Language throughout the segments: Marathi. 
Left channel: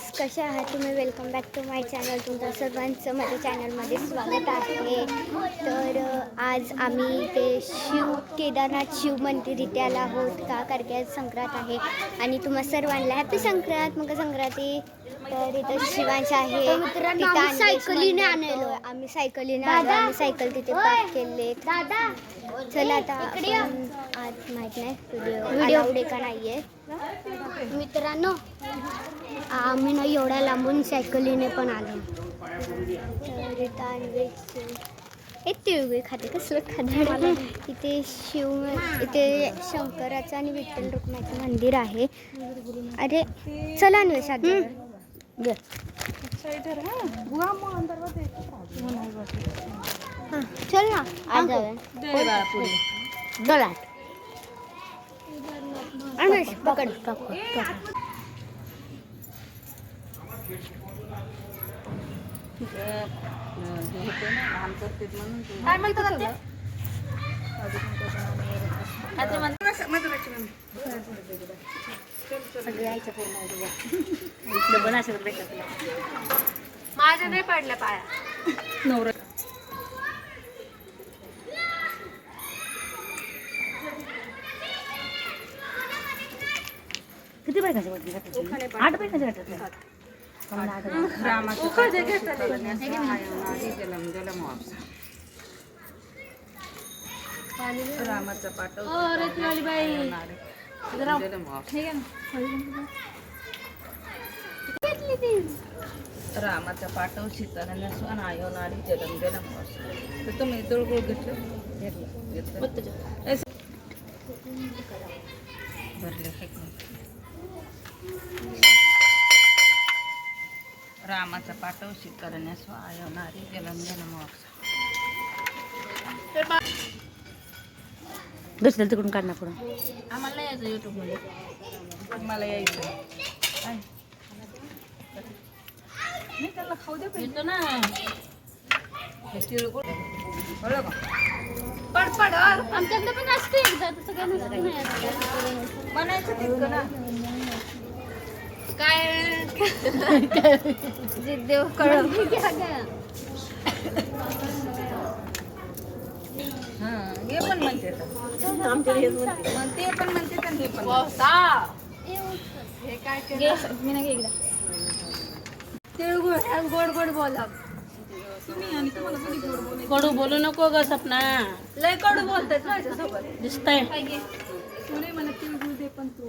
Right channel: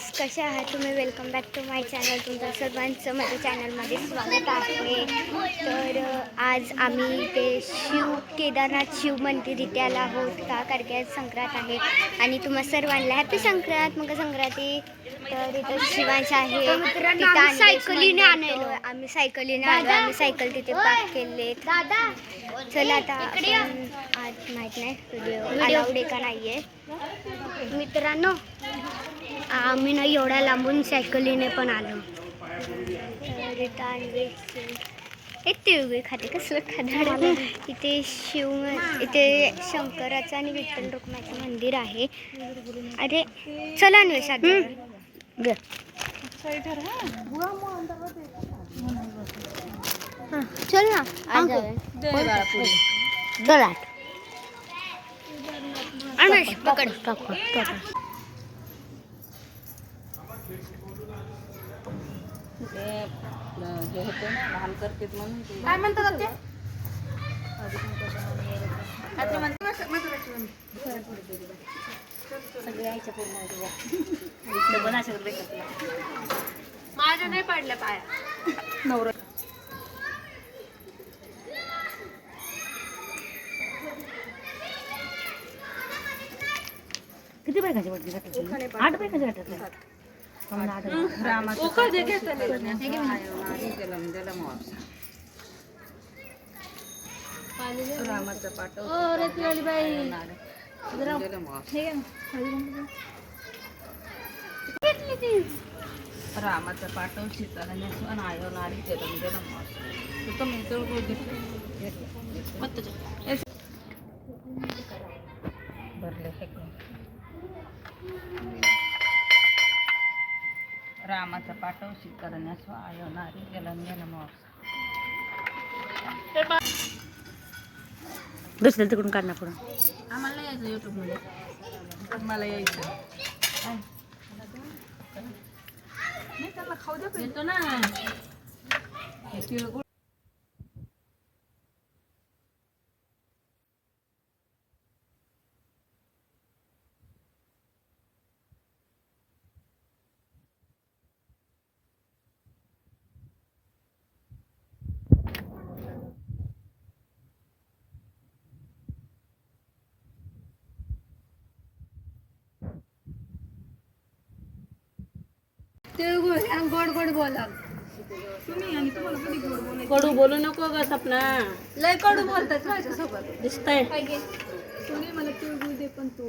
फ्रेंड्स कसे आहात? तुम्ही welcome back to my channel तुमचं सर्वांचं माझ्या चॅनलमध्ये स्वागत आहे. तर आज आम्ही ते शिव केदारनाथ शिव मंदिर इथे आलो आहोत. का? कारण की आज संक्रांत आहे. आणि तुम्हा सर्वांना हॅपी संक्रांत मग संक्रांती. तर इथं शिवांश आहे. तिथं सायकलीने आलेलो आम्ही सायकलीने आलो आम्ही सायकल तिथे पार्क केले चला आता आज माहीत नाही व्हिडिओ अलाउड आहे का नाही आहे मित्रांनो आम्ही ना एवढ्या लांबून सायकलीने पण आलो. हे तिळगुळ खाते कसलं खादाड इथे शिव इथे शंकराचं आणि विठ्ठल रुक्माचं मंदिर आहे. अरे चला जाऊया. हां चल ना. आज जाऊया. गलाट पकड पकड. पकड काय म्हणतात ते काहीतरी म्हणतात माझ्या नाही पडल्या पाया. नवरा किती बायकाचे वाटले आठ बायकाचे वाटले रामाचा पाठव रामाचा पाठव सीताला नसवान आयो नारी जलम जलम तर तुम्ही तिळगुळ घेतलं. भरले सगळं. रामाचा पाठव सीताला नसवा आयो नारी जलम जलम दुसऱ्या तिकडून काढणार पुढं. आम्हाला यायचं युट्यूबमध्ये. मला यायचं? नाही त्याला खाऊ दे येतो ना. हे तिळगुळ कळलं का पड पड आमच्याकडे पण असते एकदा तसं काय नसतं बनायचं तितकं ना. काय? देव कळलं हां हे पण म्हणते मग ते पण म्हणते आणि हे। पण तिळगुळ गोड गोड बोला तुम्ही आणि तुम्हाला कधी गोड बोलायचं कडू बोलू नको ग सपना लय कडू बोलतात माझ्यासोबत दिसतंय तुम्ही मला तिळगुळ दे पण तू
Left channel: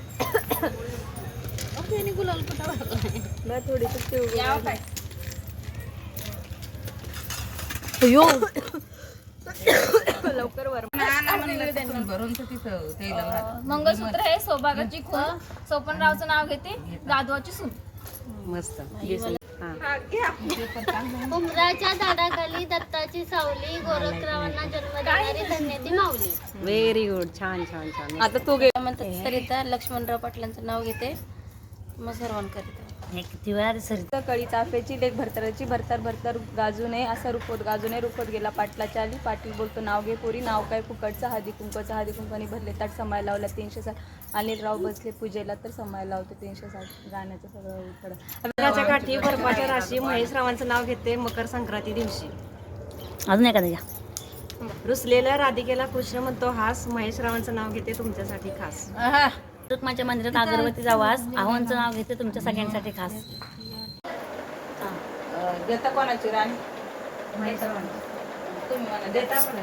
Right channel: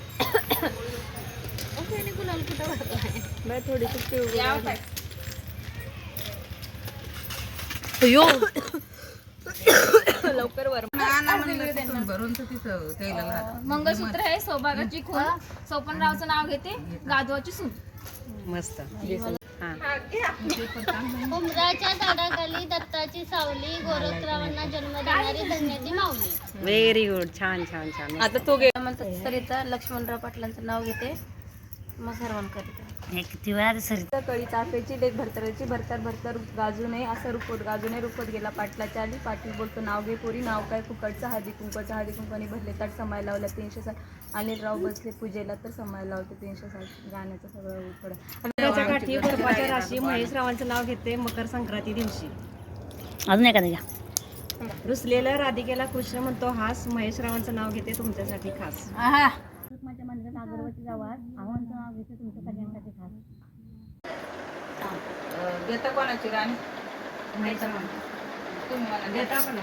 गुलाल कुठं लवकर वर लागलं. मंगळसूत्र हे. सौभागाची खून सोपनरावचं नाव घेते. गाधवाची सून. मस्त. उमराच्या झाडाखाली दत्ताची सावली गोरखरावांना जन्म देणारी धन्याची माऊली. व्हेरी गुड छान छान छान. आता तो गे म्हणतात सरिता लक्ष्मणराव पाटलांचं नाव घेते. मग सर्वान करीते हे किती वेळा सर कळी चाफ्याची लेख भरतराची भरतर भरतर गाजू नये असा रुपवत गाजू नये रुपवत गेला पाटलाच्या आली पाटील बोलतो नाव घे पोरी नाव काय फुकटचं हळदी कुंकवाचं हळदी कुंकाने भरले ताट समाय लावला तीनशे साठ अनिलराव बसले पूजेला तर समाय लावतो तीनशे साठ गाण्याचं सगळं उकडं काठी बर्फाच्या राशी महेश रावांचं नाव घेते मकर संक्रांती दिवशी. अजून एखादं घ्या. रुसलेल्या राधिकेला कृष्ण म्हणतो हास महेश रावांचं नाव घेते तुमच्यासाठी खास. रुक्माच्या मंदिरात अगरबत्ती जावास आव्हानचं नाव घेते तुमच्या सगळ्यांसाठी खास. देता कोणाची राणी? तुम्ही म्हणा देता पण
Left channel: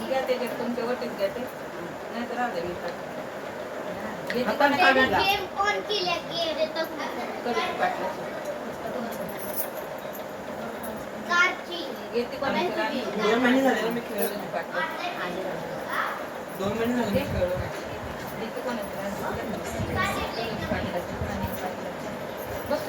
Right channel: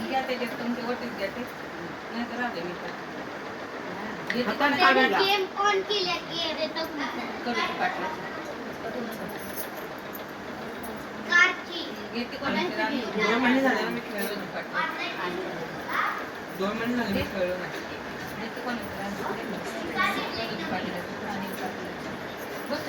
घ्या त्याच्यात तुमच्या वटीत घ्या ते. नाही तर राहू दे मी. घेते कोणाची? घेते कोणाची राणी? ಗೌರ್ಮೆಂಟ್ನಲ್ಲಿ ಬಸ್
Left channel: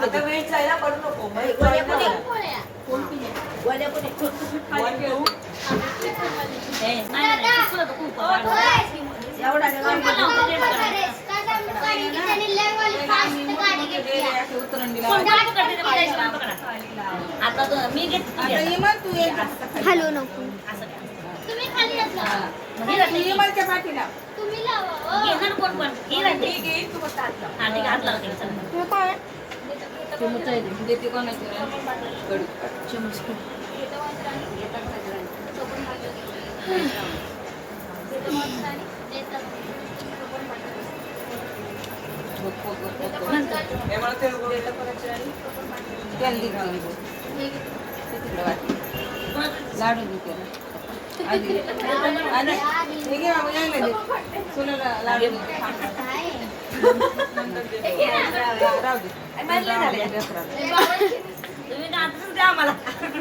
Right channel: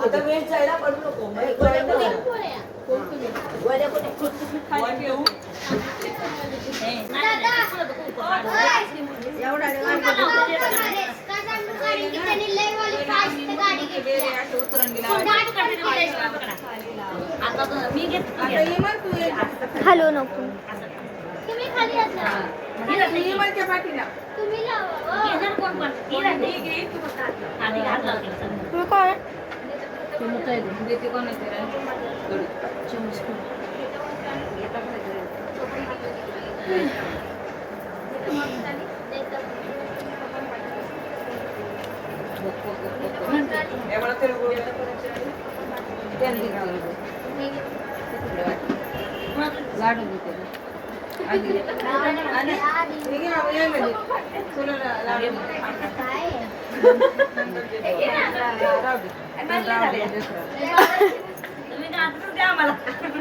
आता वेळ जायला पडू नको हॅलो नको इमानच्या पाठीला. मग कोण लाडू आणि त्याला. लाडू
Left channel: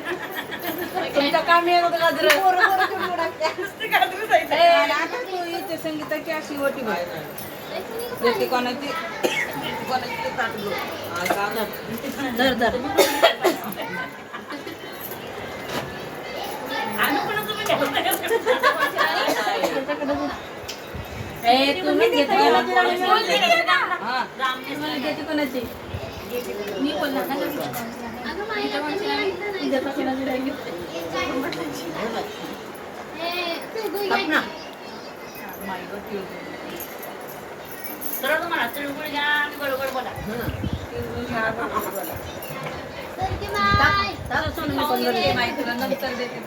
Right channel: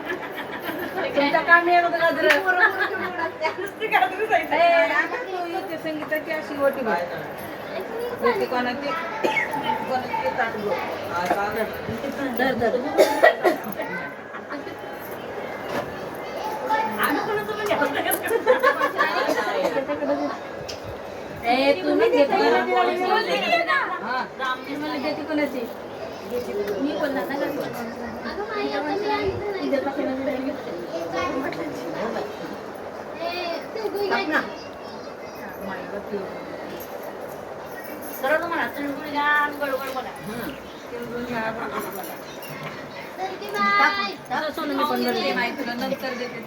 तुमचं काम आहे बघा गाजर. इथे संगीताची अशी होती बघ. देते कोणाची? कोणाची ताट गो तुम्ही देते हा कोणाची? मी बोलणार ना नंतर देते.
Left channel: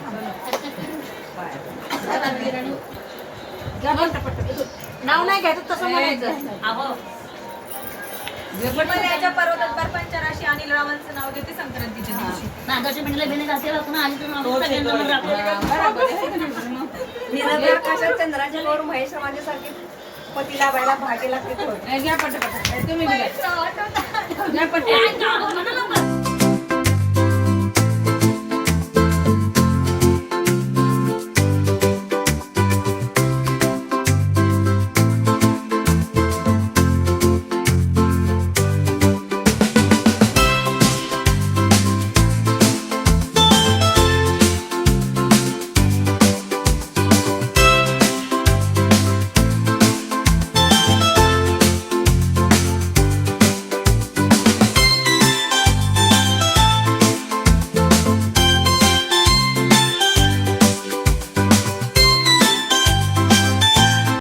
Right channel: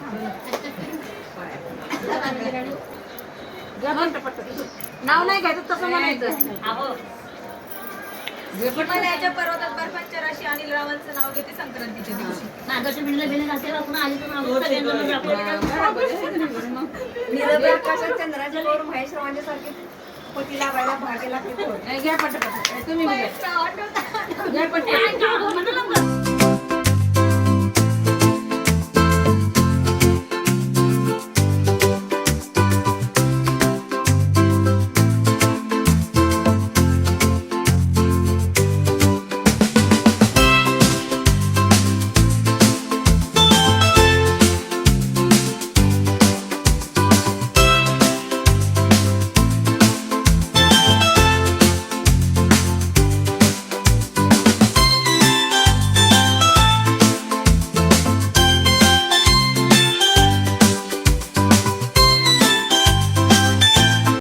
नाव नाही घ्यायचं तसं म्हणायचं. याच्या पर्वतात बर्फांच्या राशी आणि रावांचं नाव घेते संक्रांतीच्या दिवशी? निरभ्र आकाशात चंद्राच्या वर महेश रावांच्यासारखे पती लावायला लागते घ्या पटापट. तुम्ही बी घ्या. घ्या पटापट.